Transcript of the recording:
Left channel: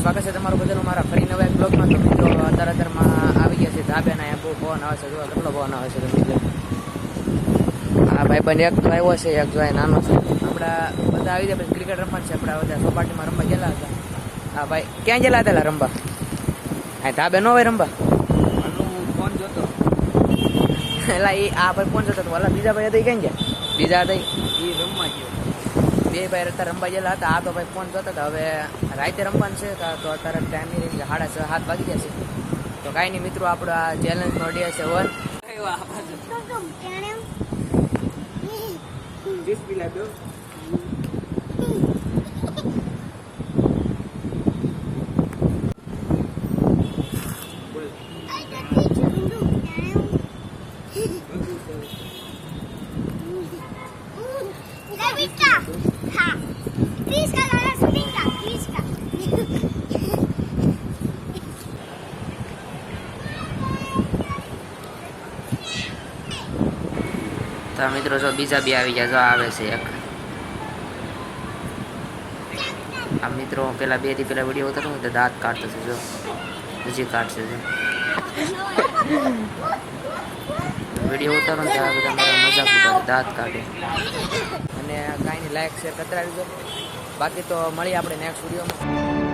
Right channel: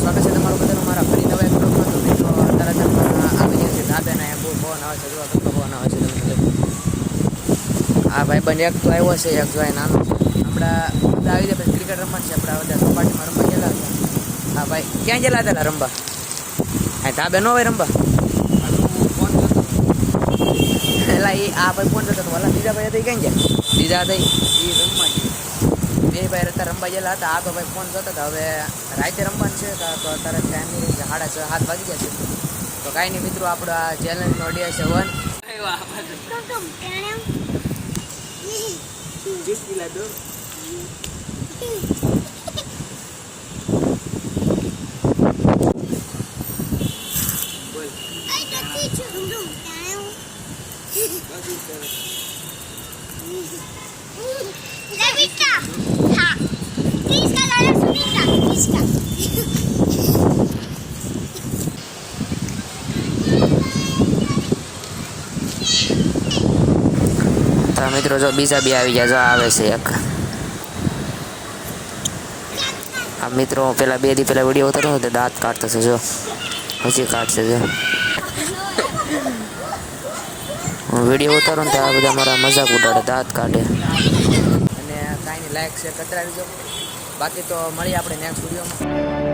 સ્વાગત છે તમારું બધાનું મારા ફરી નવા એક બ્લોગમાં. તો મિત્રો અત્યારમાં આવી ગયા છે ધાબ્યાના, અહીંયા બહુ પવન આવે છે, જોવા કેટલો પવન આવે છે તમે. હા ભાઈબંધ એક તો આવ્યો છે, એક જો નાનું છે. હમણાં બધા આવી જાય પછી ક્રિકેટ રમવાનું છે. આપણા બધા સોપાટીમાં રમવા ગયેલા હતા. હા ભાઈ ક્યાં ગયેલા હતા રમવા? હા ધાબે ન હોય રમવા? ફોન જોતો એટલે એ આ ભાઈ ફોન જતો હતો. ઓલા બીજા ભાઈ હતા ક્યાં ગયા? બીજા હતા એ રમવા ગયો. બે ભાઈ અત્યારે રમવા ગયેલા હતા. આ તો ભાઈ ફોન જોતા હતા. હવે રાતે રમવાનું છે તો અત્યારે ટાઈમ નહીં, 6:30 વાગી ગયા છે. તો કાંઈ નહીં મિત્રો, આપણો આ ચેલેન્જનો ડે છે 1. જ્યુસ પીલા દો. બોલ. हाँ, प्लीज का गाना सुनेगा, प्लीज का। તો મિત્રો જો બીજા બી આવી ગયા, જો આવે છે એક. આ મિત્રો પેલા 2 દી પહેલા વિડીયો ઉતાર્યો હતો, દાંત કાઢતો છે, જો હજી કાઢશે. જો વિડીયો ઉતારો ને ત્યાં બધા મારા મજાક ઉડાડે, દાંત કાઢે. અને કાંઈ નહીં, લાઈક શેર કરતા રહેજો. બાકી તો મળીએ આપણે નેક્સ્ટ વિડીયોમાં.